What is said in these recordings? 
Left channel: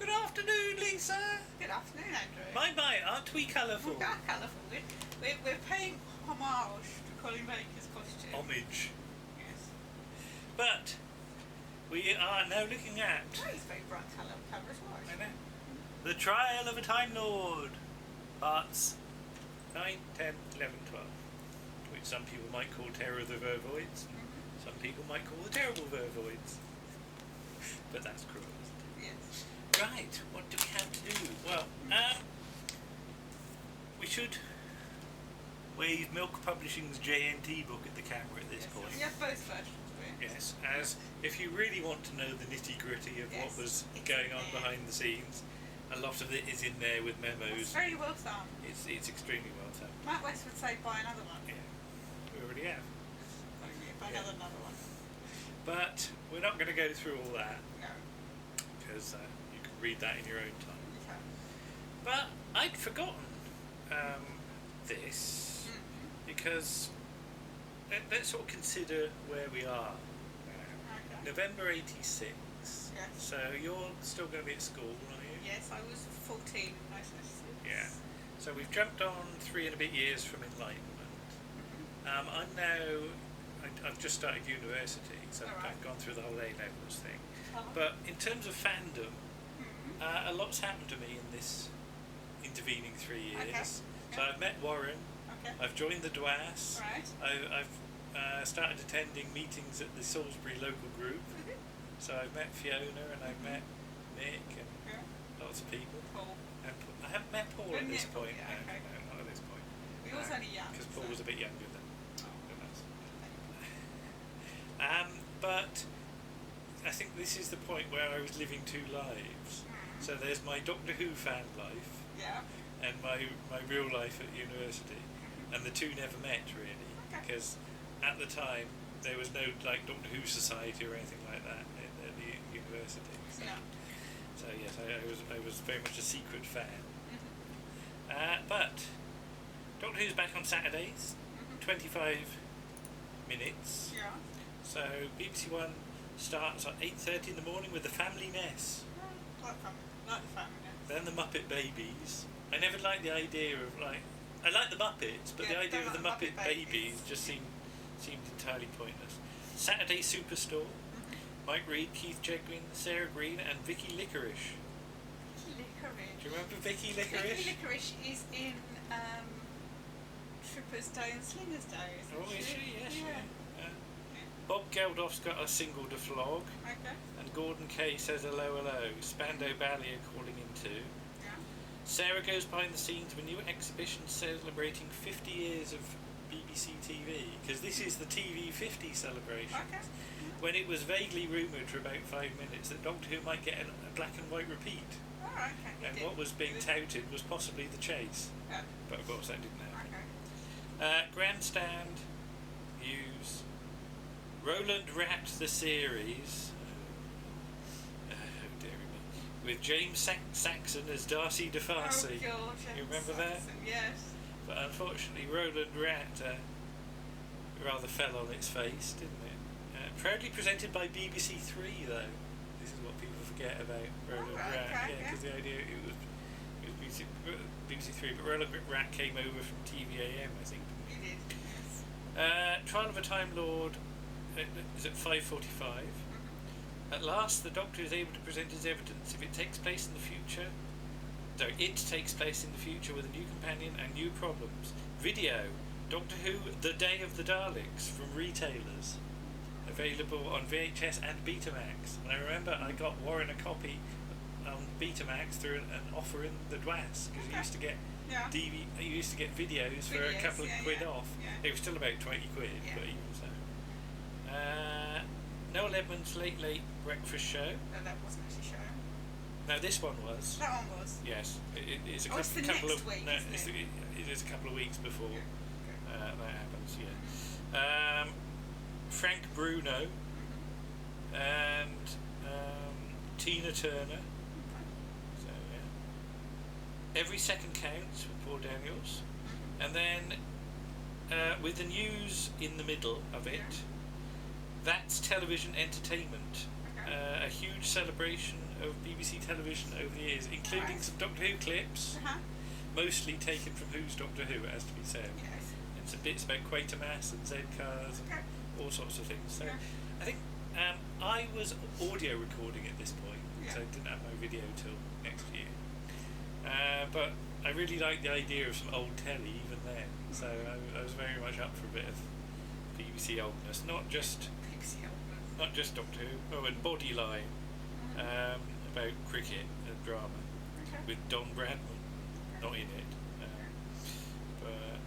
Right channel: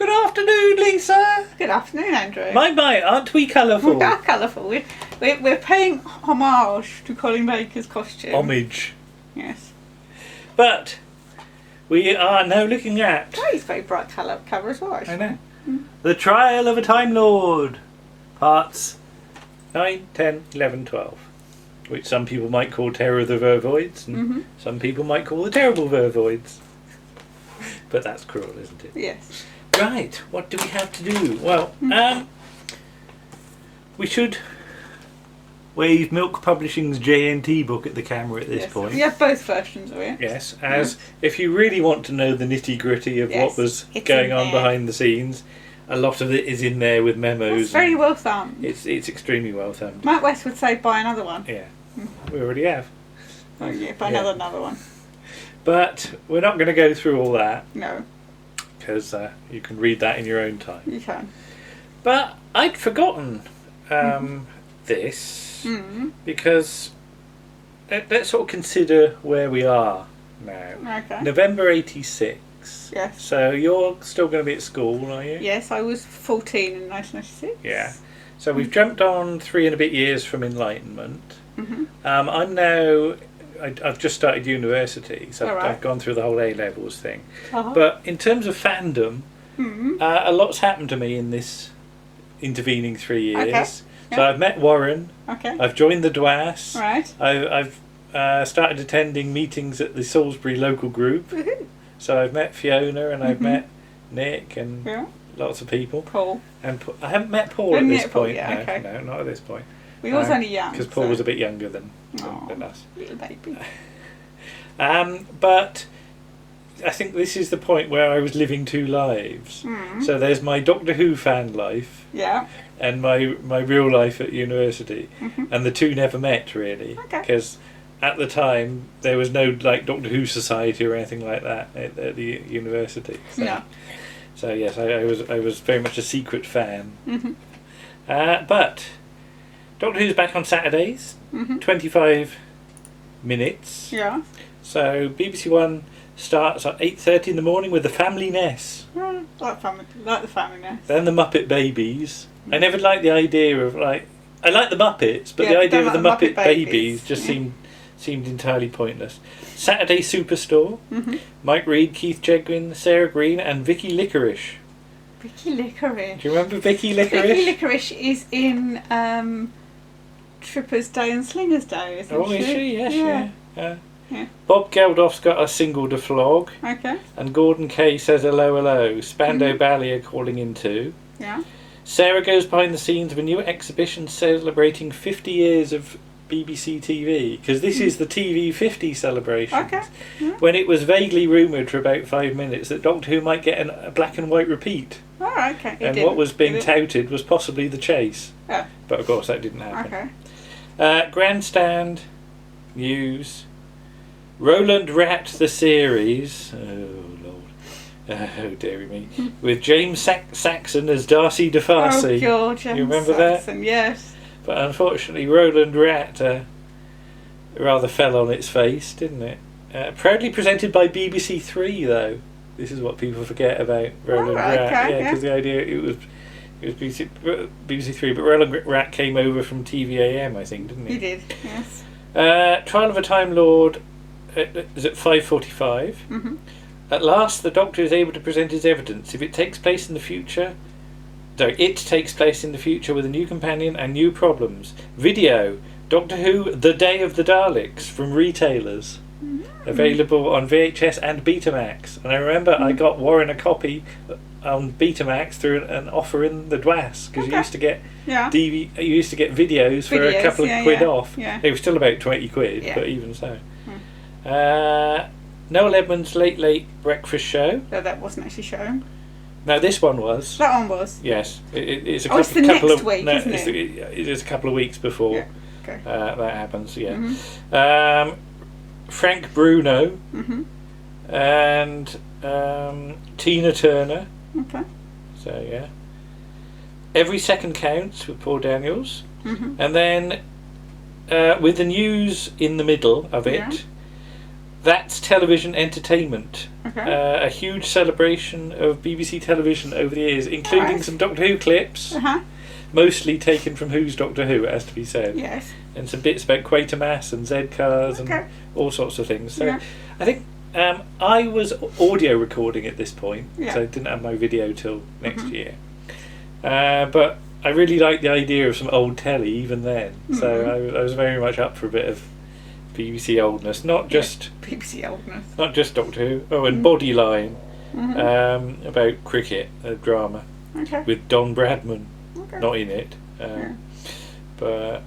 Good afternoon, Lisa. Good afternoon, Andrew. My, aren't we colourful? We are colourful. We're paying homage to Colleen Baker's costume. Homage. Yes. But we are now looking at... Oh, it's very bright cover as well, actually. I know. The Trial of a Time Lord. Parts 9, 10, 11, 12. Which some people might call Terror of the Vervoids, and some people might call the Terrible Vervoids. But that's cruel, isn't it? Yes. Right, what do we have to do? Well, we should wave Milk Publishing's JNT book at the camera at this point. We have both versions of it. Yes, as if you really want to know the nitty-gritty of what was going on behind the scenes, a lot of it is in there with memos. It's very well thumbed. It's extremely well thumbed. Mike West would say buy another one. Yeah, we already have. Oh yeah, buy another one. But we're not going to go through all that. No. Because you can read that in your own time. You can. But I'd forgotten this because let's sort of consider where we are now. Okay. November 86. Yes. So you're still going to be at school, are you? Yes, I was 14 in 1996. Yeah. So we've jumped on 3 and a bit years from Enlightenment. I'm now... I've just started university, so I've gone through the whole A-levels thing. But in terms of fandom, a lot's happened to me in this intervening 3 years. Okay. So I've met Warren. Okay. I've joined the DWAS. Right. I've started attending meetings at the Salisbury local group. So I've met Fiona and I've met Nick and lots of people. Paul. And I haven't met Paul at this point. No, not at this point. We was only young. Because Paul was a bit younger than us. Little baby. But I think this is the point where I was living 2 lives. So there's my Doctor Who fan life. Yeah. And my real life at university. And the 2 never met, really. Because at the time, there was no Doctor Who society or anything like that at the university. So, no. So yes, I was very much a secret fan. But Doctor Who's back on Saturdays, 25 minutes. Yeah. So BBC One starts at 8:30 in the morning with the Family Nest. Like the Family Nest. Then the Muppet Babies. I never liked the idea of I like the Muppets, but the idea of the Muppet Babies just seemed entirely pointless. Saturday Superstore. Mike Reid, Keith Jedwin, Sarah Green, and Vicky Licorice. Vicky Licorice. Do you remember Vicky Licorice? Vicky Licorice is in Tripper's Day and Slinger's Day, isn't she? Oh, is she? Yes, yeah. Bob Geldof's got a single to flog. Okay. And Gordon Kay says hello, hello. Spandau Ballet are calling in too. Yeah. Sarah goes behind the scenes of a new exhibition celebrating 50 years of BBC TV, because this is the TV 50 celebration. Okay. When it was vaguely rumoured for about 5 minutes that Doctor Who might get a black and white repeat. Oh, okay. And what was being touted was possibly The Chase. Yeah. But of course that didn't happen. Okay. Grandstand news. Roland Rat the series. Oh Lord. Oh dearie me. With James Saxon as Darcy DeFarcy. Oh God, James you remember Saxon, that? Yes. But unfortunately Roland Rat rather fell on its face, didn't it? Proudly presented by BBC 3 though. This is what people forget about Roland Rat. Because the idea it was BBC 3, but Roland Rat came over from TVAM, I think, didn't he? He did, yes. Trial of a Time Lord is at 5:45. At last, the Doctor is able to present his evidence. If it takes place in the future, it takes place in the future with a new companion and new problems. Video: Doctor Who: The Day of the Daleks from retailers. Available on VHS and Betamax. And I remember I got Warren a copy on Betamax through an offer in the DWAS, because you used to get you used to get videos for a couple of quid off. They were still about 20 quid, but even so. Noel Edmonds' Late Breakfast Show. No, that wasn't actually shown. No, this one was. That one was. Yes, it's a couple, it's the next of week, no, isn't it? It's a couple of weeks before that happens. Yeah. Frank Bruno and Tina Turner. Okay. So yeah. Every Second Counts with Paul Daniels, and then with the news in the middle of it, That's television entertainment. Okay. A huge celebration of BBC television over the years, including some Doctor Who clips, mostly taken from Who's Doctor Who, it has to be said. Yes. And some bits about Quatermass and Z-Cars and all sorts of things. So I think I was audio recording at this point, so I didn't have my video till next year. But I really liked the idea of some old telly even then. So I was very much up for a bit of BBC oldness, not just BBC oldness, not just Doctor Who. Oh, and Bodyline, about cricket, a drama with Don Bradman, not in it, but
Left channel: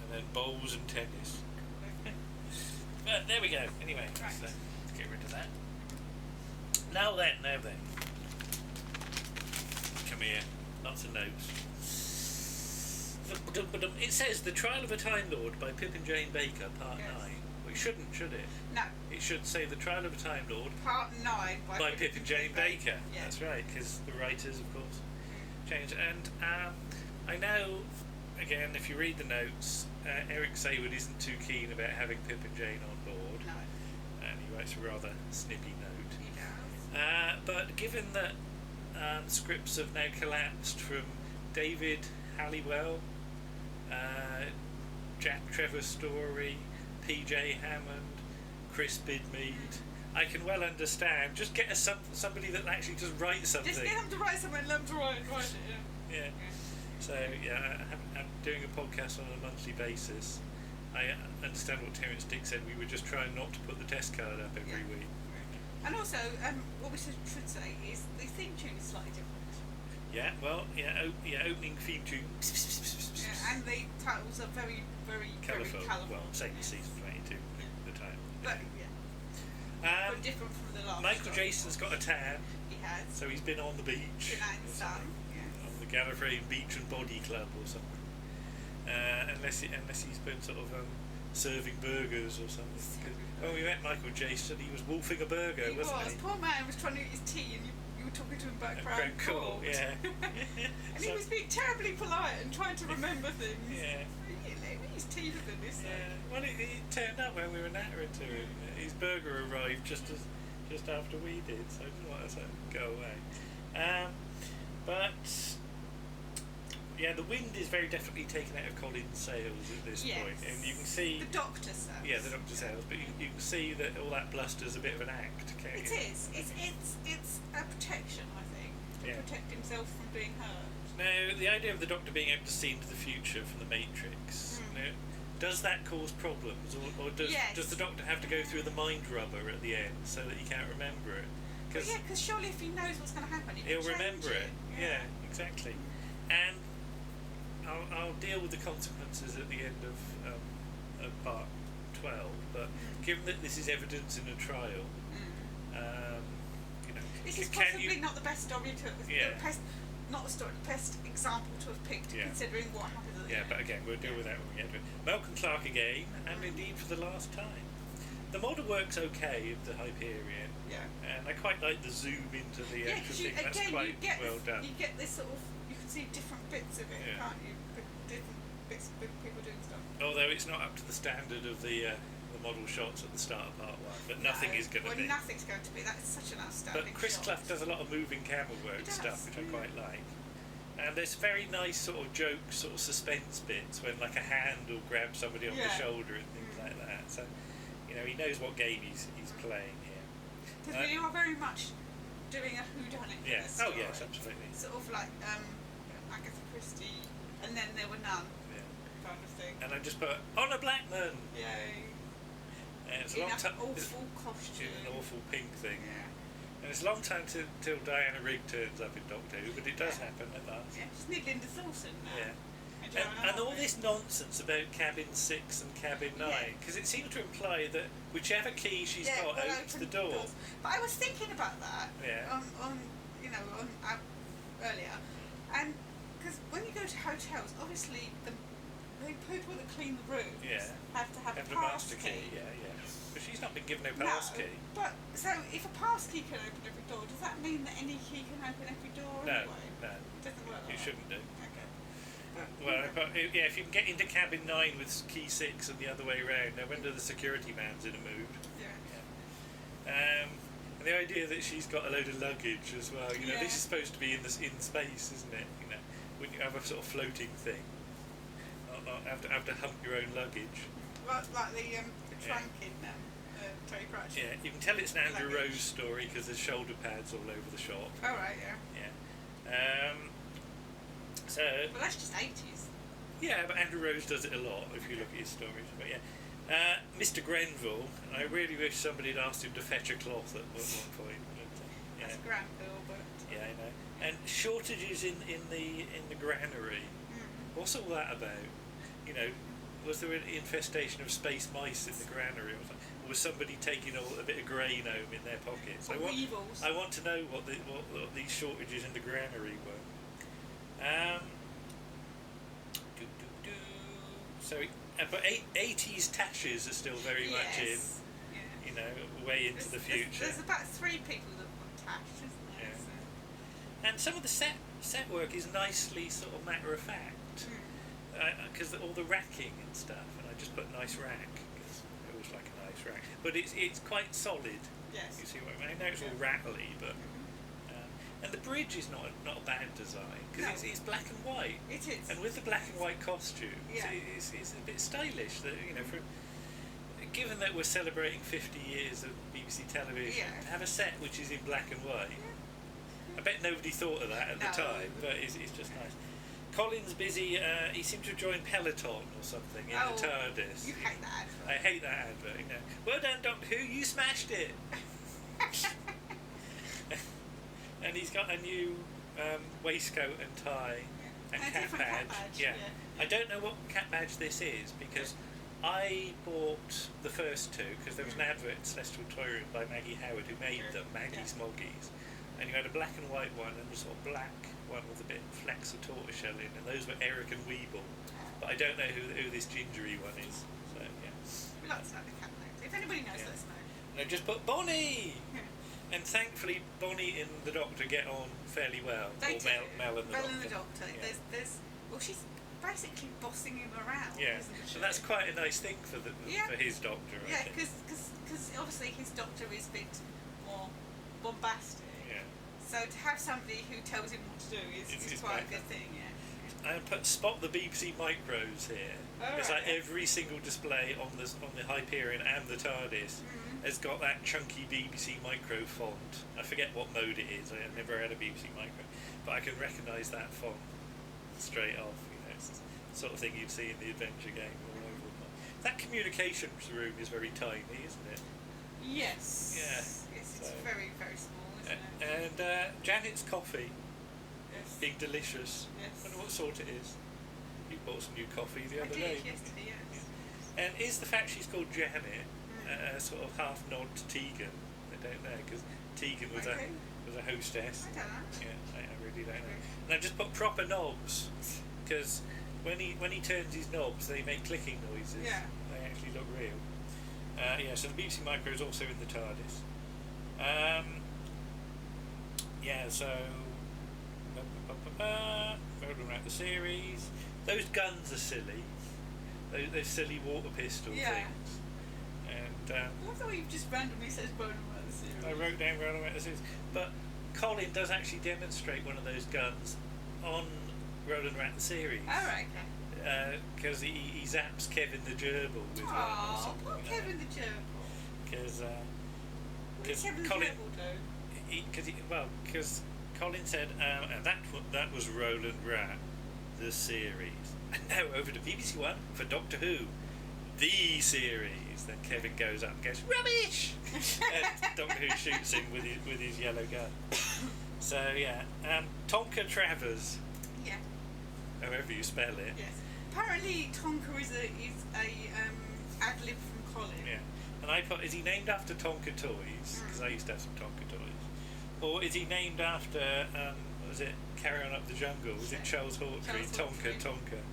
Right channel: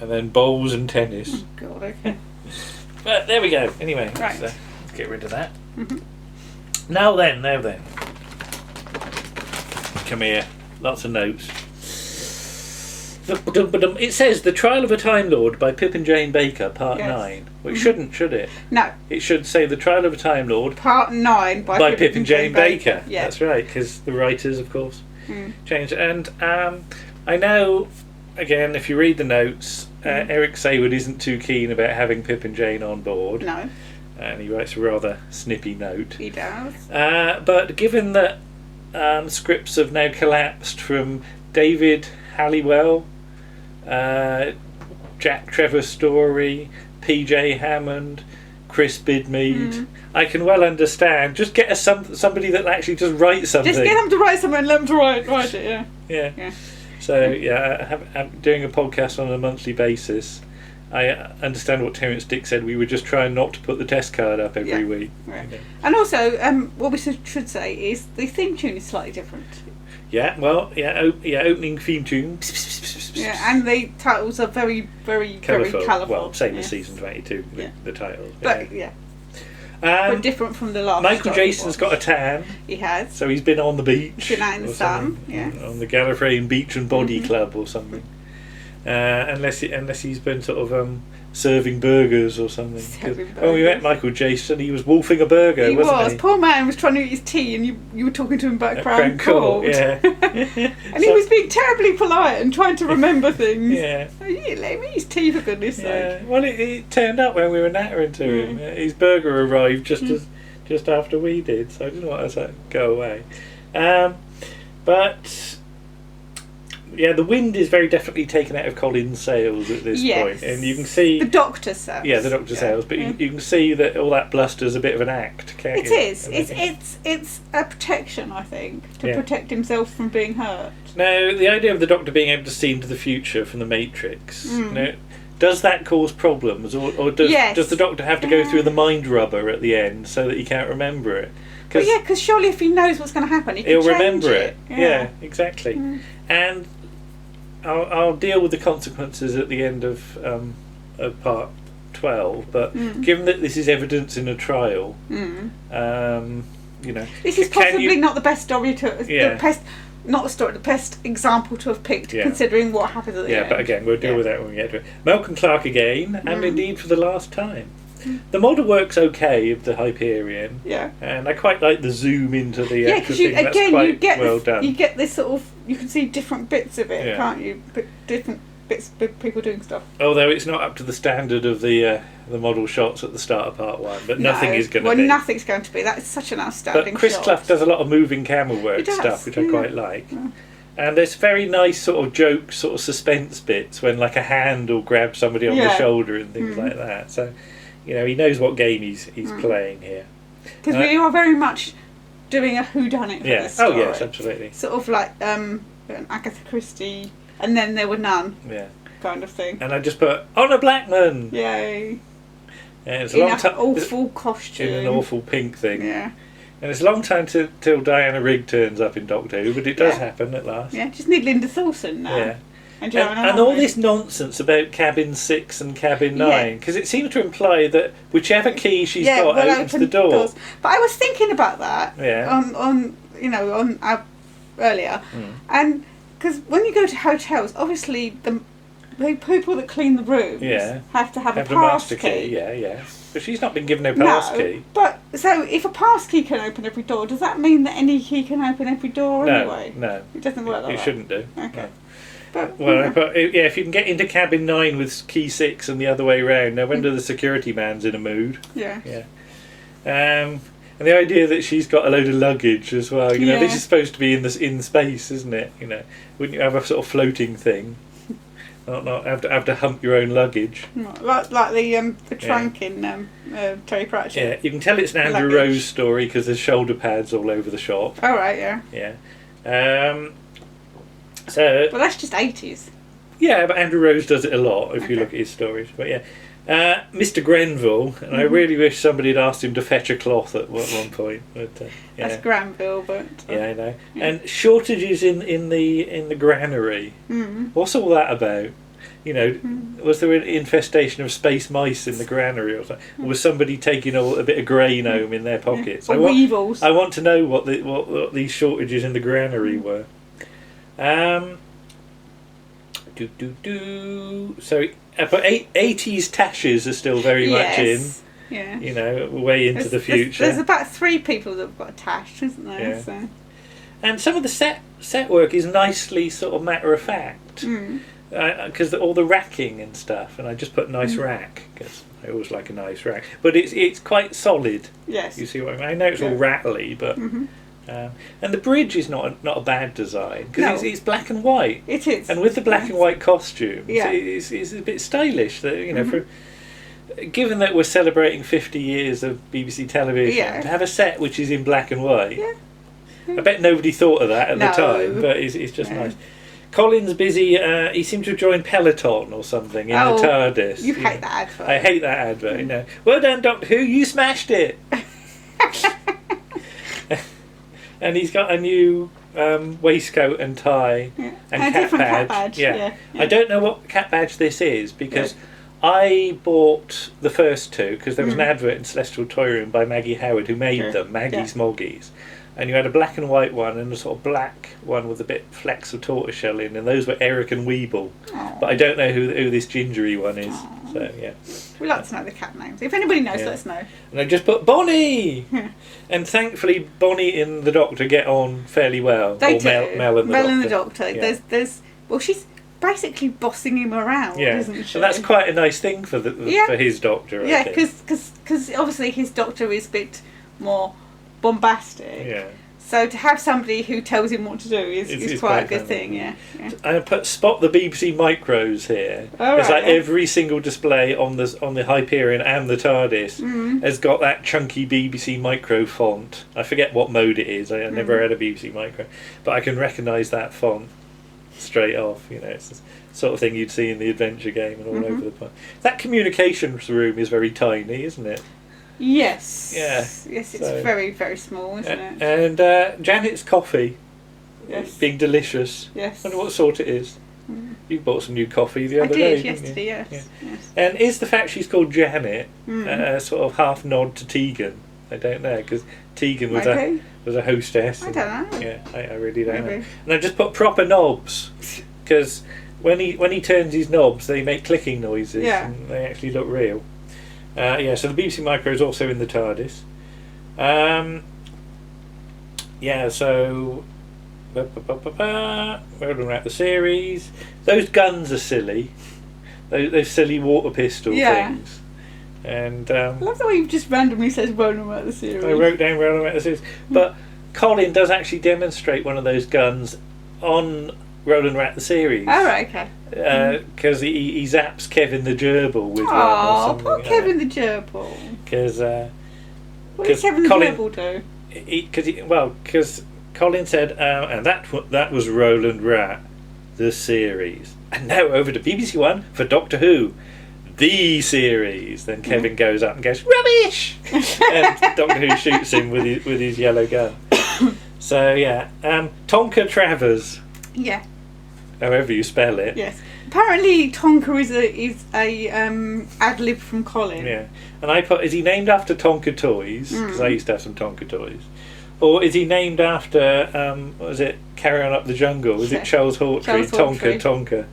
and then bowls and tennis. Oh God, okay. But there we go. Anyway, let's get rid of that. Now then. Come here. Lots of notes. It says The Trial of a Time Lord by Pip and Jane Baker, Part 9. Well, it shouldn't, should it? No. It should say The Trial of a Time Lord, Part 9 by Pip and Jane Baker. Yeah. That's right, because the writers, of course, changed. And I know, again, if you read the notes, Eric Saywood isn't too keen about having Pip and Jane on board. No. And he writes a rather snippy note. He does. But given that scripts have now collapsed from David Halliwell, Jack Trevor Story, PJ Hammond, Chris Bidmead, I can well understand. Just get somebody that actually just writes something. Just get them to write something and let them to write it, yeah. So, I'm doing a podcast on a monthly basis. I understand what Terence Dick said. We were just trying not to put the test card up every week. Right. And also, what we should say is the theme tune is slightly different. Opening theme tune. And the titles are very, very, very colourful. Well, same as season 22, the titles. But, but different from the last. Michael Jason's got a tan. He has. So he's been on the beach. He's been out in the sun, on the Gallifreyan Beach and Body Club or something. Unless he's been sort of serving burgers or something. When we met Michael Jason, he was wolfing a burger, wasn't he? Poor man was trying to eat his tea and you were talking to him about Crown Court. Yeah. And he was being terribly polite and trying to remember things. Yeah. You let me eat his tea, for goodness sake. Well, it turned up when we were nattering to him. His burger arrived just after we did, so I didn't want to go away. But the wind is very definitely taken out of Colin's sails at this point, and you can see the Doctor's sails. Yeah, the Doctor's sails, but you can see that all that bluster's a bit of an act, can't you? It is. It's a protection, I think, to protect himself from being hurt. Now, the idea of the Doctor being able to see into the future from the Matrix, does that cause problems, or does the Doctor have to go through the mind rubber at the end so that he can't remember it? Because surely if he knows what's going to happen, he'll remember it. Yeah, exactly. And I'll deal with the consequences at the end of part 12, but given that this is evidence in a trial, this is possibly not the best story the best example to have picked, considering what happens at the end. But again, we'll deal with that when we get to it. Malcolm Clarke again, and indeed for the last time. The model works okay of the Hyperion, and I quite like the zoom into the actual thing. That's quite well done. You get this sort of, you can see different bits of it, can't you? Different bits of people doing stuff. Although it's not up to the standard of the model shots at the start of part 1, but nothing is going to be. Well, nothing's going to be. That is such an outstanding But Chris shot. Clough does a lot of moving camera work stuff, which I quite like. Yeah. And there's very nice sort of joke, sort of suspense bits when like a hand will grab somebody on the shoulder and things like that. So, he knows what game he's playing here. Because we are very much doing a whodunit for this story. Oh yes, absolutely. Sort of like an Agatha Christie, and then there were none. Yeah. Kind of thing. And I just put Honor Blackman. Yay. And it's in an awful costume. In an awful pink thing. Yeah. And it's a long time till Diana Rigg turns up in Doctor Who, but it does happen at last. Yeah, just need Linda Thorson now. Yeah. And all this nonsense about cabin 6 and cabin 9, because it seems to imply that whichever key she's got opens the door. Doors. But I was thinking about that on earlier, and because when you go to hotels, obviously the people that clean the rooms have to have a pass key. Yeah. But she's not been given a pass key. But so if a pass key can open every door, does that mean that any key can open every door anyway? No. It doesn't work like that. It shouldn't do. Okay. No. But if you can get into cabin 9 with key 6 and the other way round, no wonder the security man's in a mood. Yeah. And the idea that she's got a load of luggage as well. You know, this is supposed to be in space, isn't it? You know, wouldn't you have a sort of floating thing? Not have to hump your own luggage. Like the trunk in Terry Pratchett. Yeah, you can tell it's an Andrew Rose story because there's shoulder pads all over the shop. Oh right, yeah. Yeah. So. Well, that's just 80s. Yeah, but Andrew Rose does it a lot if you look at his stories. But yeah. Mr. Grenville, and I really wish somebody had asked him to fetch a cloth at one point. But, That's Granville, but yeah, I know. Yeah. And shortages in the granary. What's all that about? You know, was there an infestation of space mice in the granary or something? Or was somebody taking a bit of grain home in their pockets? Or weevils. I want to know what these shortages in the granary were. So. But 80s tashes are still very much in. Yeah. You know, way into the future. There's about 3 people that have got a tash, isn't there? Yeah. So. And some of the set work is nicely sort of matter of fact. Because all the racking and stuff, and I just put nice rack because I always like a nice rack. But it's quite solid. Yes. You see what I mean? I know it's all rattly, but. And the bridge is not a bad design because it's black and white. It is. And with the black and white costumes, it's a bit stylish. That you know, given that we're celebrating 50 years of BBC television, to have a set which is in black and white. I bet nobody thought of that at the time, but it's just nice. Colin's busy. He seemed to have joined Peloton or something in the TARDIS. You hate that advert. I hate that advert. You know. Well done, Doctor Who. You smashed it. And he's got a new waistcoat and tie and cat badge. Yeah. I don't know what cat badge this is because I bought the first 2 because there was an advert in Celestial Toy Room by Maggie Howard who made them, Maggie's Moggies. And you had a black and white one and a sort of black one with a bit flecks of tortoiseshell in, and those were Eric and Weeble. But I don't know who this gingery one is. So yeah. We'd like to know the cat names. If anybody knows, let us know. And I just put Bonnie! And thankfully Bonnie and the Doctor get on fairly well. They or do. Mel and the Doctor. Mel and the Doctor. Yeah. Well, she's basically bossing him around, isn't she? And that's quite a nice thing for his Doctor, I think. Because obviously his Doctor is a bit more bombastic. Yeah. So to have somebody who tells him what to do is quite a good thing, yeah. I put spot the BBC micros here. It's like every single display on the Hyperion and the TARDIS has got that chunky BBC micro font. I forget what mode it is. I never had a BBC micro, but I can recognise that font straight off. You know, it's the sort of thing you'd see in the adventure game and all over the place. That communications room is very tiny, isn't it? Yes. Yeah. Yes, it's very, very small, isn't it? And Janet's coffee. Yes. Being delicious. Yes. I wonder what sort it is. You bought some new coffee the other day. I did yesterday, yes. And is the fact she's called Janet a sort of half nod to Tegan? I don't know, because Tegan was a hostess. I don't know. Yeah, I really don't know. And I just put proper knobs, because when he turns his knobs, they make clicking noises, and they actually look real. So the BBC Micro is also in the TARDIS. So Roland Rat the series. Those guns are silly. Those silly water pistol things. And I love the way you've just randomly said Roland Rat the series. I wrote down Roland Rat the series. But Colin does actually demonstrate one of those guns on Roland Rat the series. Oh, right, okay. Because he zaps Kevin the Gerbil with one or something. Poor Kevin the Gerbil. Because what did Kevin the Gerbil do? Because Colin said, and that was Roland Rat, the series. And now over to BBC One for Doctor Who, the series. Then Kevin goes up and goes, rubbish! And Doctor Who shoots him with his yellow gun. So yeah, Tonka Travers. Yeah. However you spell it. Yes. Apparently Tonka is a ad lib from Colin. Yeah. And I put, is he named after Tonka toys? Because I used to have some Tonka toys. Or is he named after, what was it, Carry On Up the Jungle? Was it Charles Hawtrey? Tonka.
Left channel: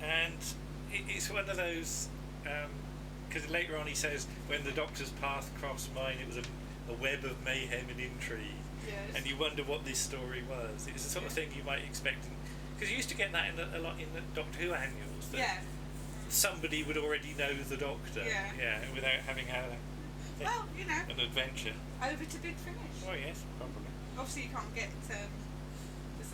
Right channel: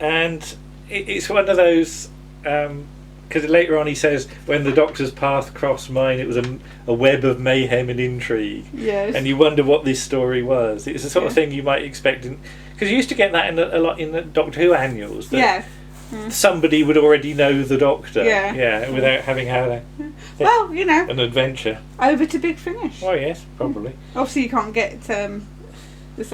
And it's one of those, because later on he says, when the Doctor's path crossed mine, it was a web of mayhem and intrigue. Yes. And you wonder what this story was. It's the sort of thing you might expect, because you used to get that a lot in the Doctor Who annuals. That somebody would already know the Doctor. Yeah, without having had an adventure. Over to Big Finish. Oh yes, probably. Obviously, you can't get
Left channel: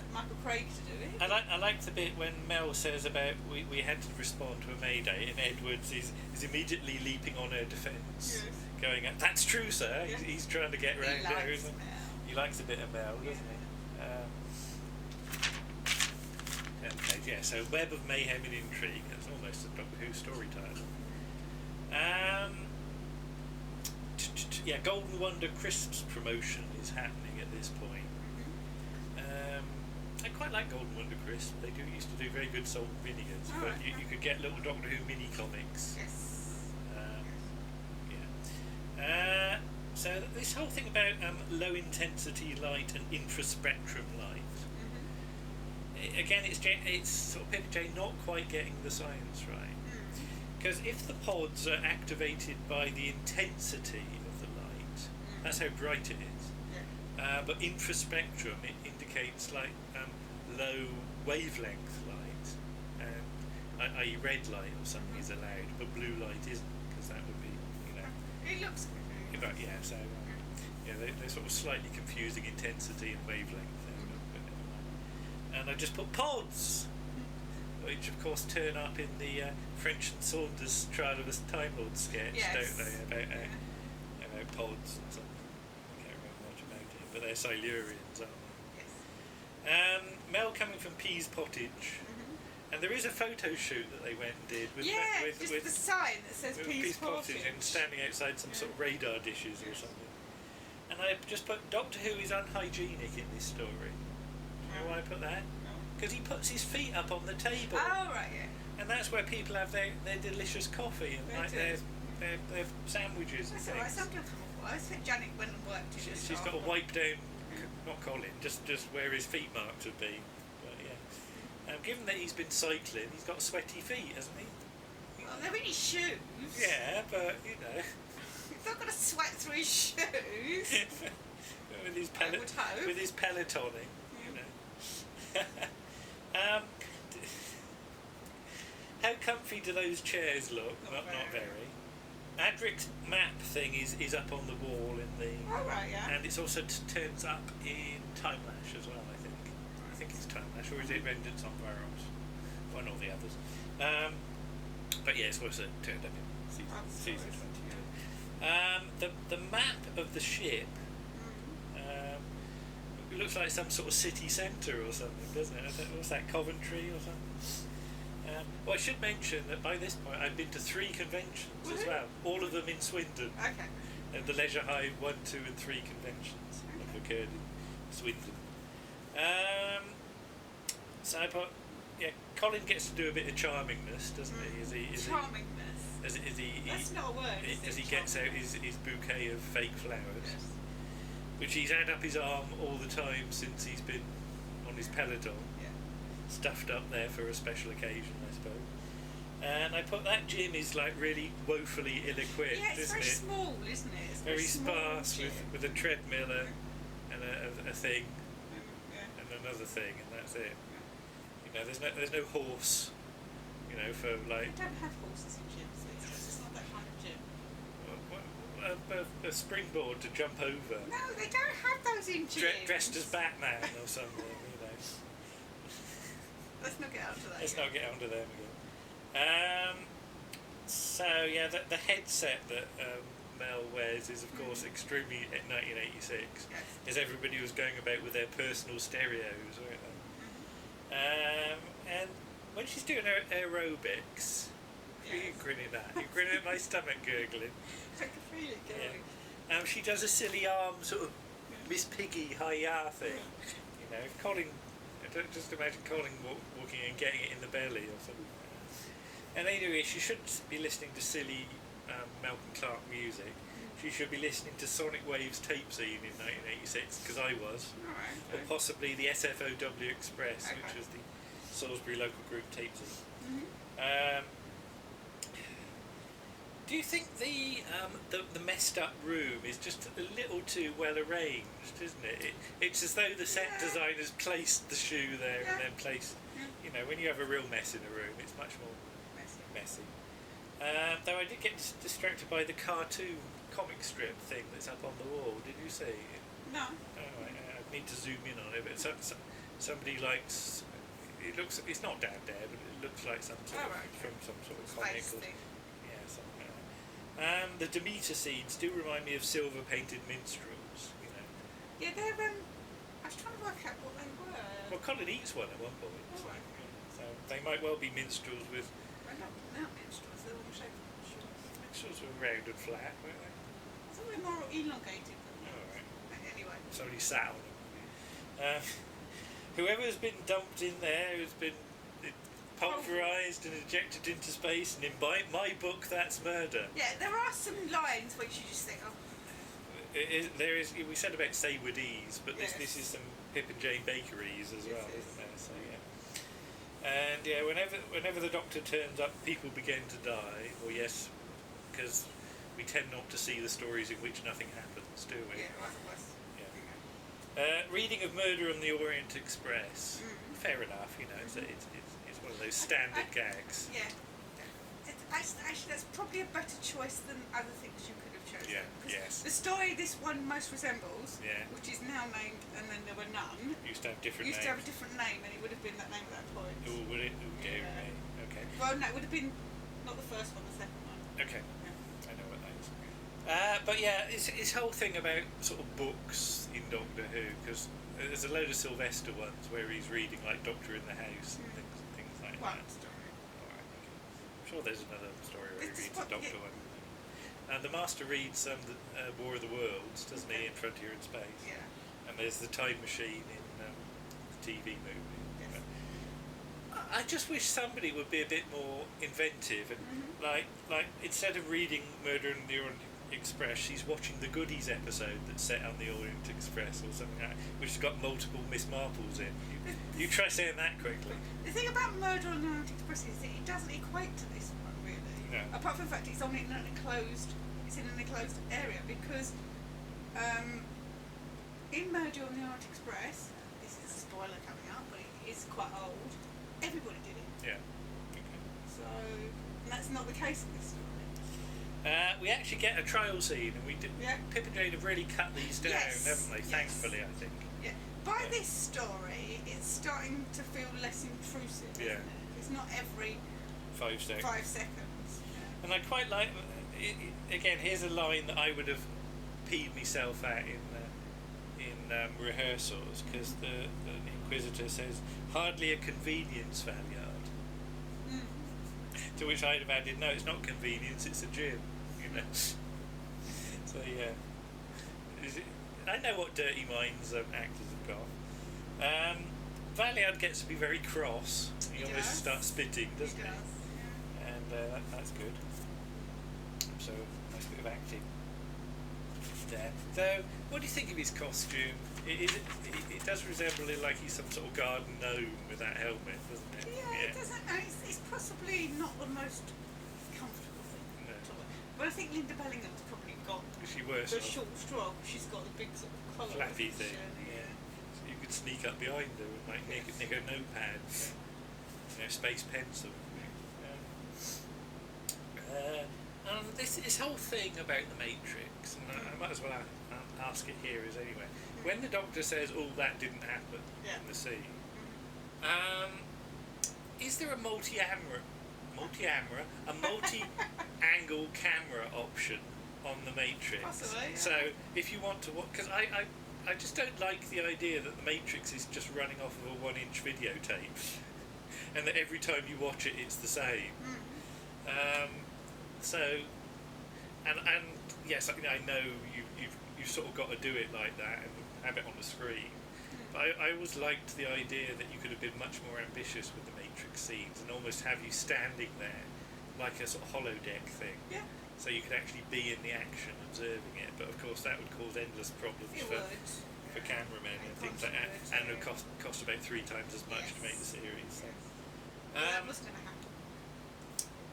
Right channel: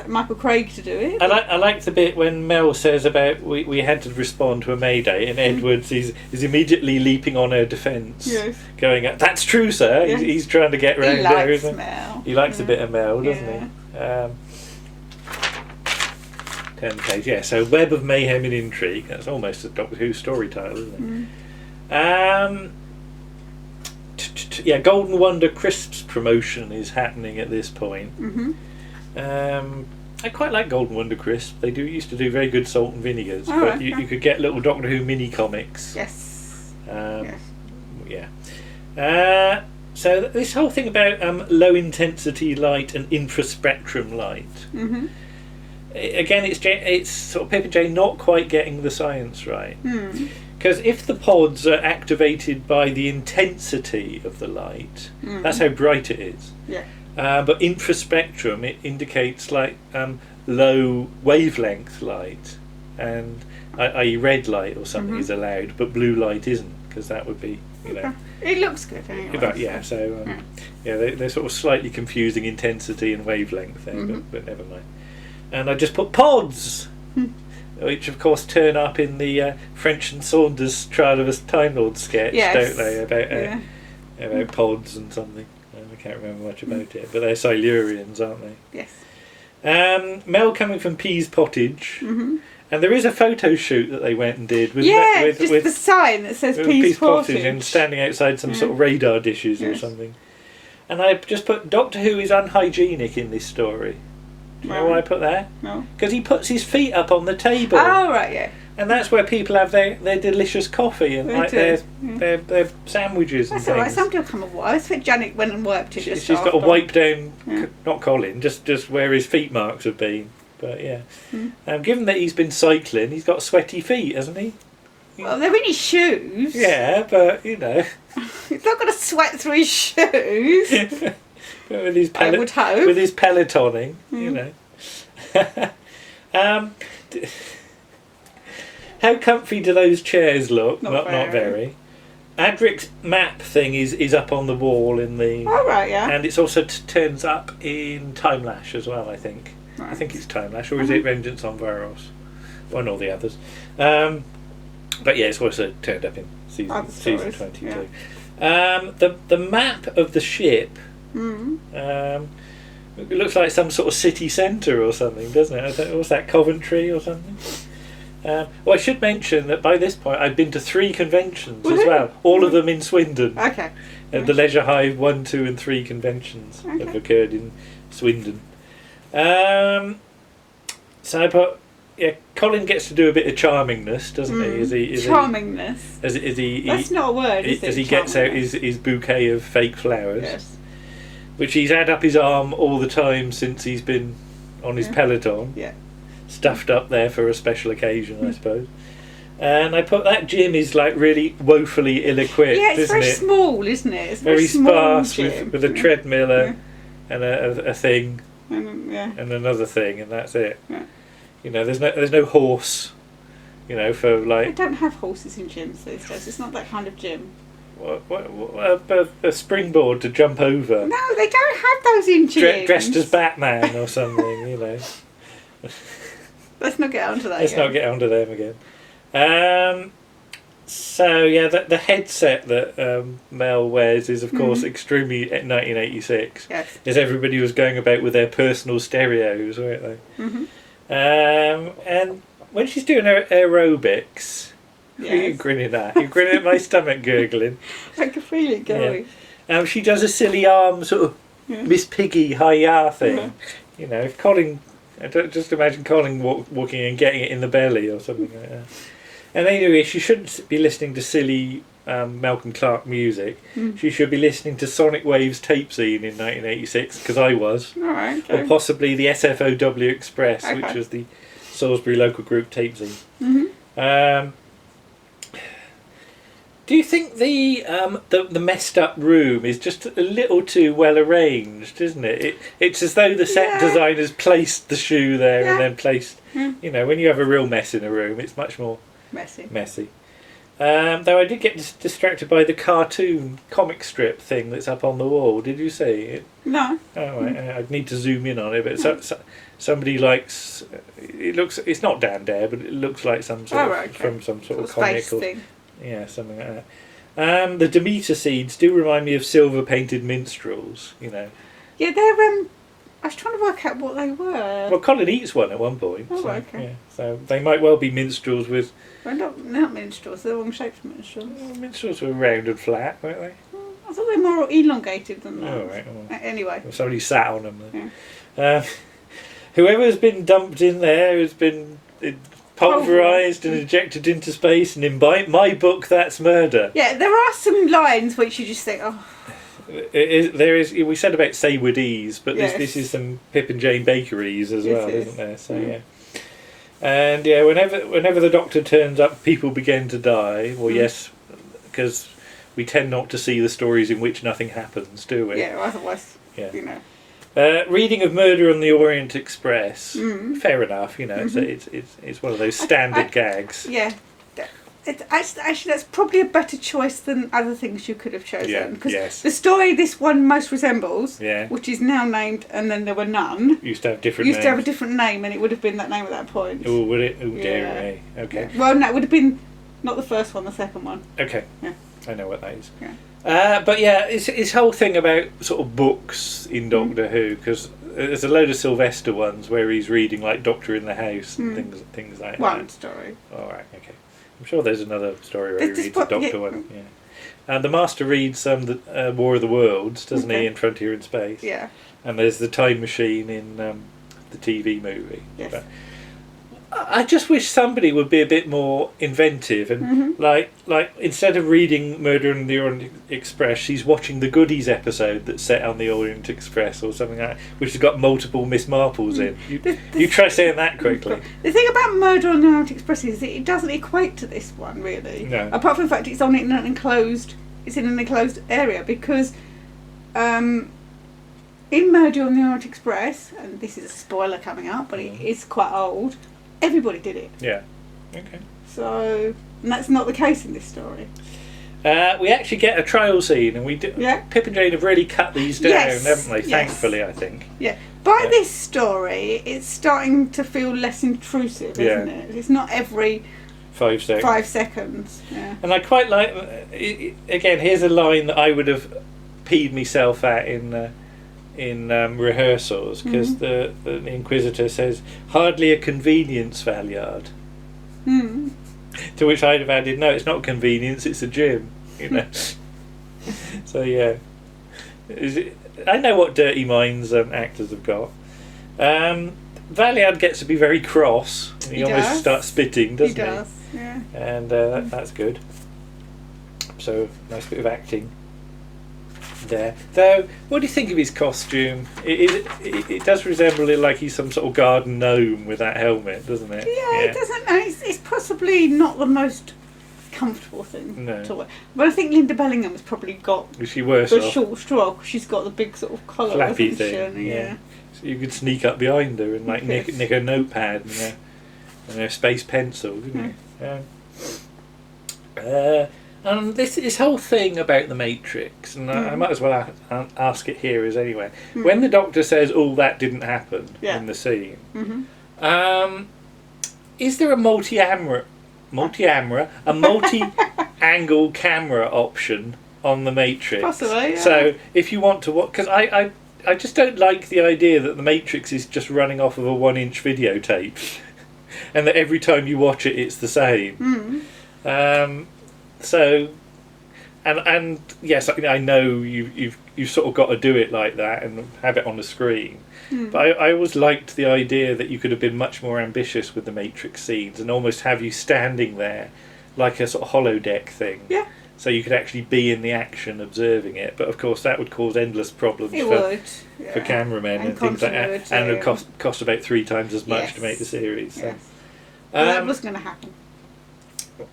Michael Craig to do it. I like the bit when Mel says about we had to respond to a mayday, and Edwards is immediately leaping on her defence, going, "That's true, sir." Yes. He's trying to get round her. He likes Mel. He likes a bit of Mel, doesn't he? Turn the page. Yeah. So Web of Mayhem and Intrigue. That's almost a Doctor Who story title, isn't it? Yeah. Golden Wonder Crisps promotion is happening at this point. I quite like Golden Wonder Crisp. They used to do very good salt and vinegars, but you could get little Doctor Who mini comics. Yes. Yeah. So this whole thing about low intensity light and infraspectrum light. Again, it's sort of Pip and Jane not quite getting the science right. Because if the pods are activated by the intensity of the light, that's how bright it is. Yeah. But infraspectrum, it indicates like low wavelength light, and i.e. red light or something is allowed, but blue light isn't, because that would be, It looks good anyway. But they're sort of slightly confusing intensity and wavelength there, but never mind. And I just put pods, which of course turn up in the French and Saunders Trial of a Time Lord sketch, don't they? About pods and something. I can't remember much about it, but they're Silurians, aren't they? Yes. Mel coming from Pease Pottage, and there is a photo shoot that they went and did with with the sign that says Pease Pottage, and standing outside some sort of radar dishes or something. And I just put Doctor Who is unhygienic in this story. Do you know why I put that? No. Because he puts his feet up on the table. Oh right, yeah. And that's where people have their delicious coffee and their sandwiches and things. That's things. alright, somebody will come and wipe. I think Janet went and wiped it just She's got to wipe down, not Colin, just where his feet marks have been. But yeah. Given that he's been cycling, he's got sweaty feet, hasn't he? Well, they're in his shoes. Yeah, but, He's not going to sweat through his shoes. with his I would hope. With his pelotoning, How comfy do those chairs look? Not very. Madrix map thing is up on the wall in the... Oh, right, yeah. And it's also turns up in Time Lash as well, I think. Right. I think it's Time Lash, or is it Vengeance on Varos? One or the others. But yeah, it's also turned up in season 22. Yeah. The map of the ship... it looks like some sort of city centre or something, doesn't it? What's that, Coventry or something? Well, I should mention that by this point I've been to 3 conventions as well, all of them in Swindon. Okay. The Leisure Hive 1, 2 and 3 conventions have occurred in Swindon. So I put, Colin gets to do a bit of charmingness, doesn't he? Charmingness? That's not a word, is it? As he gets out his bouquet of fake flowers. Yes. Which he's had up his arm all the time since he's been on his peloton. Yeah. Stuffed up there for a special occasion, I suppose. And I put that gym is like really woefully ill-equipped, isn't it? Yeah, it's very small, isn't it? It's very sparse gym. with a treadmill and a thing and another thing, and that's it. Yeah. There's no horse, for like... They don't have horses in gyms these days. It's not that kind of gym. A springboard to jump over. No, they don't have those in gyms. Dressed as Batman or something, Let's not get onto that. Let's not get onto them again. So yeah, the headset that Mel wears is of course extremely 1986. Yes. As everybody was going about with their personal stereos, weren't they? And when she's doing her aerobics. Yes. What are you grinning at? You're grinning at my stomach gurgling. I can feel it going. Yeah. She does a silly arm sort of Miss Piggy hi-ya thing. If Colin... I don't just imagine Colin walking and getting it in the belly or something like that. And anyway, she shouldn't be listening to silly Malcolm Clark music. She should be listening to Sonic Wave's Tape Scene in 1986, because I was. All right, okay. Or possibly the SFOW Express, which was the Salisbury local group Tape Scene. Do you think the messed up room is just a little too well arranged, isn't it? It's as though the set designers placed the shoe there and then placed... when you have a real mess in a room, it's much more Messy. Though I did get distracted by the cartoon comic strip thing that's up on the wall. Did you see it? No. Oh, right. I'd need to zoom in on it, but somebody likes. It looks. It's not Dan Dare, but it looks like some sort of from some sort of comic thing. Yeah, something like that. The Demeter seeds do remind me of silver painted minstrels. You know. Yeah, they're. I was trying to work out what they were. Well, Colleen eats one at one point. Oh, so, okay. Yeah, so they might well be minstrels with. Well, not minstrels. They're wrong shaped minstrels. Well, minstrels were round and flat, weren't they? I thought they were more elongated than that. Oh, right. Well, anyway. Well, somebody sat on them. Yeah. Whoever's been dumped in there has been pulverised and ejected into space, and in my book, that's murder. Yeah, there are some lines which you just think, oh. There is. We said about Saywoodese, but this is some Pip and Jane bakeries as well, isn't there? So yeah. And yeah, whenever the Doctor turns up, people begin to die. Well, yes, because we tend not to see the stories in which nothing happens, do we? Yeah, otherwise, you know. Reading of Murder on the Orient Express. Fair enough, you know. It's one of those standard gags. Yeah. Actually, that's probably a better choice than other things you could have chosen. Because the story this one most resembles, which is now named "And Then There Were None," used to have different names. have a different name, and it would have been that name at that point. Oh, would it? Oh, dear me. Okay. Yeah. Well, no, it would have been not the first one, the second one. Okay. Yeah. I know what that is. Yeah. But yeah, it's his whole thing about sort of books in Doctor Who, because there's a load of Sylvester ones where he's reading like Doctor in the House and things like that. One story. All right. Okay. I'm sure there's another story where he reads a Doctor one. Yeah. And the Master reads the War of the Worlds, doesn't he, in Frontier in Space? Yeah. And there's the Time Machine in the TV movie. Yes. But I just wish somebody would be a bit more inventive and like instead of reading Murder on the Orient Express, she's watching the Goodies episode that's set on the Orient Express or something like that, which has got multiple Miss Marples in. You try saying that quickly. The thing about Murder on the Orient Express is it doesn't equate to this one really. No. Apart from the fact it's in an enclosed area because in Murder on the Orient Express, and this is a spoiler coming up, but it is quite old. Everybody did it. Yeah. Okay. So, and that's not the case in this story. We actually get a trial scene, and we do. Yeah. Pip and Jane have really cut these down, haven't they? Yes. Thankfully, I think. Yeah. By this story, it's starting to feel less intrusive, isn't it? It's not every 5 seconds. 5 seconds. Yeah. And I quite like. Again, here's a line that I would have peed myself at in rehearsals, because the Inquisitor says, "Hardly a convenience, Valeyard." To which I'd have added, "No, it's not convenience, it's a gym." You know. So yeah, I know what dirty minds actors have got. Valeyard gets to be very cross. He almost starts spitting, doesn't he? He does. Yeah. And that's good. So nice bit of acting there. Though, what do you think of his costume? It does resemble it like he's some sort of garden gnome with that helmet, doesn't it? Yeah. It doesn't. It's possibly not the most comfortable thing to wear. But I think Linda Bellingham has probably got the short straw because she's got the big sort of collar, flappy thing. Yeah. So you could sneak up behind her and like nick her notepad and her space pencil, couldn't you? And this whole thing about the Matrix, and I might as well ask it here as anyway. When the Doctor says, "Oh, that didn't happen" in the scene, is there a multi-angle camera option on the Matrix? Possibly. Yeah. So if you want to watch, because I just don't like the idea that the Matrix is just running off of a 1-inch videotape, and that every time you watch it, it's the same. So, and yes, I know you've sort of got to do it like that and have it on the screen. But I always liked the idea that you could have been much more ambitious with the Matrix scenes and almost have you standing there like a sort of holodeck thing. Yeah. So you could actually be in the action observing it. But of course that would cause endless problems for cameramen and things like that. And it would cost about 3 times as much to make the series. So. Yes. That was going to happen.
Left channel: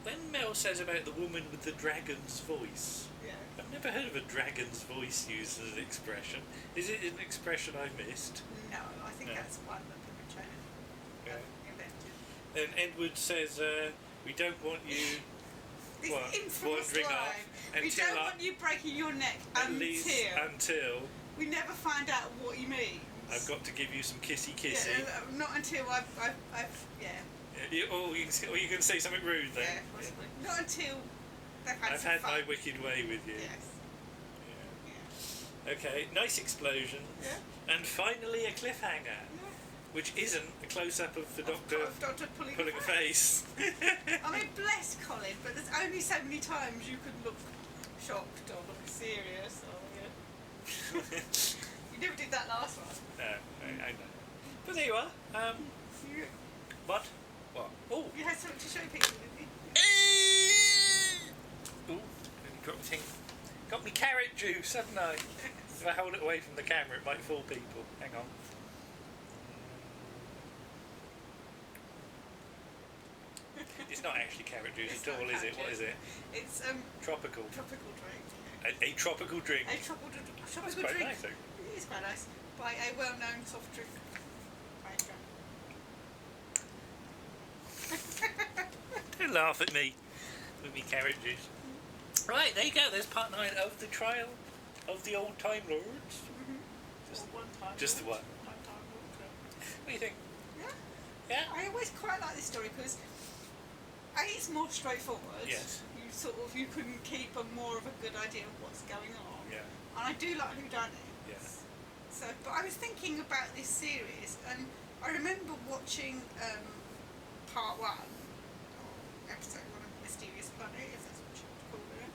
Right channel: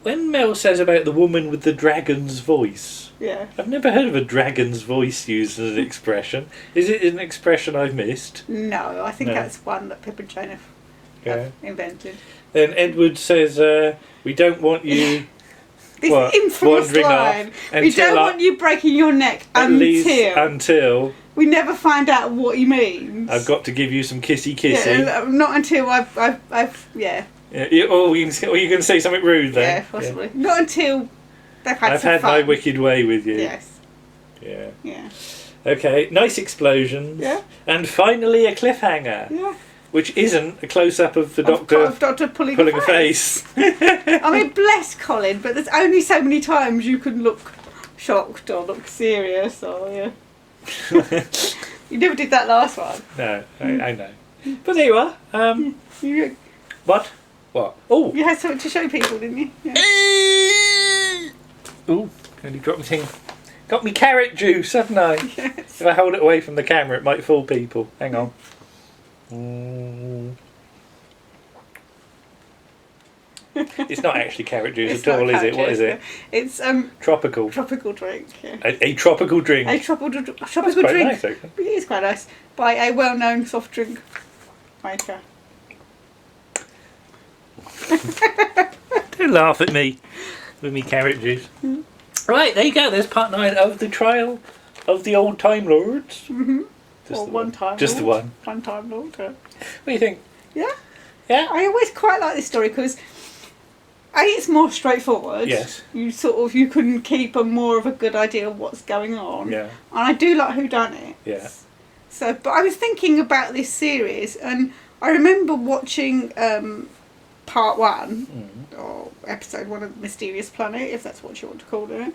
When Mel says about the woman with the dragon's voice, I've never heard of a dragon's voice used as an expression. Is it an expression I've missed? No, I think that's one that Pip and Jane have have invented. Then Edwards says, we don't want you This infamous wandering line. off We don't want you breaking your neck until we never find out what he means. I've got to give you some kissy. Yeah, not until I've Yeah, or you can say something rude then. Yeah, possibly. Yeah. Not until they've had I've some had fun. my wicked way with you. Yes. Yeah. Yeah. Okay, nice explosions. Yeah. And finally a cliffhanger. Yeah. Which isn't a close-up of the Doctor pulling a face. I mean, bless Colin, but there's only so many times you can look shocked or look serious or, yeah. You never did that last one. No, I know. But there you are. What? Oh! You had something to show people, didn't you? Yeah. Ooh, nearly dropped my thing. Got me carrot juice, haven't I? Yes. If I hold it away from the camera, it might fool people. Hang on. It's not actually carrot juice at all, is it? What is it? It's tropical. Tropical drink. Yeah. A tropical drink. A tropical drink. Nice, actually. It is quite nice. By a well-known soft drink maker. Don't laugh at me with me carrot juice. Right, there you go. There's part 9 of the trial of the old Time Lords. Mm-hmm. Just the one. One Time Lord. Yeah. What do you think? Yeah. Yeah. I always quite like this story because it's more straightforward. Yes. You can keep more of a good idea of what's going on. Yeah. And I do like whodunit. Yeah. So, but I was thinking about this series, and I remember watching part 1 or episode 1 of Mysterious Planet, if that's what you want to call it.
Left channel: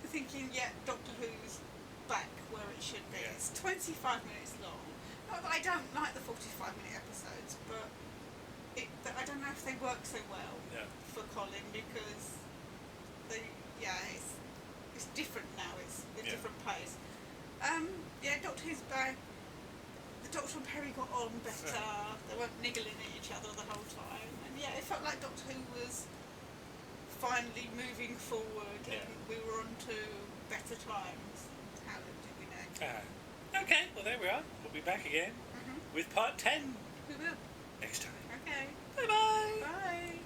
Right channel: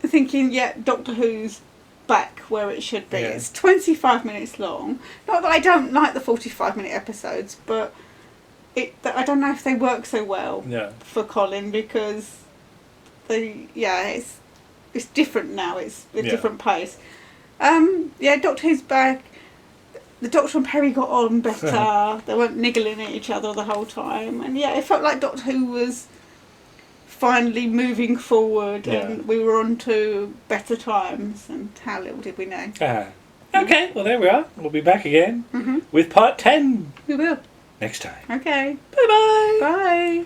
Thinking, yeah, Doctor Who's back where it should be. Yeah. It's 25 minutes long. Not that I don't like the 45-minute episodes, but I don't know if they work so well for Colin because it's different now. It's a different pace. Doctor Who's back. The Doctor and Perry got on better. They weren't niggling at each other the whole time, and it felt like Doctor Who was finally moving forward, and we were on to better times. And how little did we know? Okay, well there we are. We'll be back again with part 10. We will Next time. Okay. Bye-bye. Bye.